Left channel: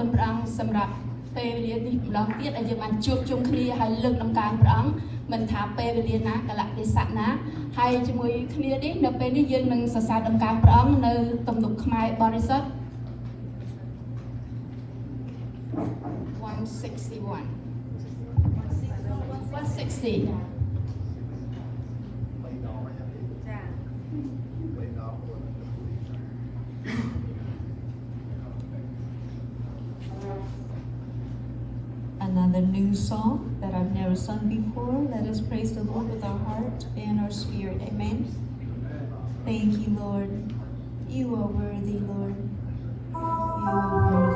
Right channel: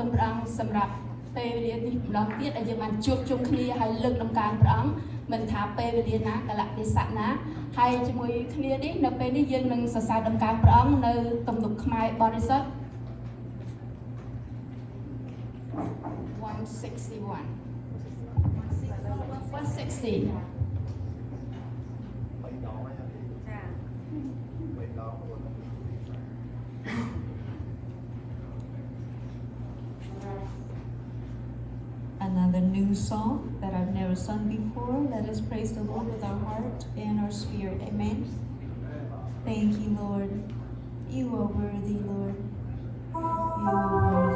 គុណព្រះអង្គសម្រាប់ពេលវេលានេះម្ដងទៀតដែលយើងបានជួបជុំគ្នាហើយលើកដំណើរព្រះអង្គមិនថាពេលវេលាណាកលៈទេសៈណាហើយជាមួយគ្នានេះនៅពេលនេះយើងនឹងសរសើរដំណើរព្រះអង្គនៅទំនុកខ្មែរបរិសុទ្ធ 161 160 Another new song that I've never sung before. Let us praise the Lord with our heart and our spirit. Amen. Thank you, Lord. You are worthy, Lord. You are worthy.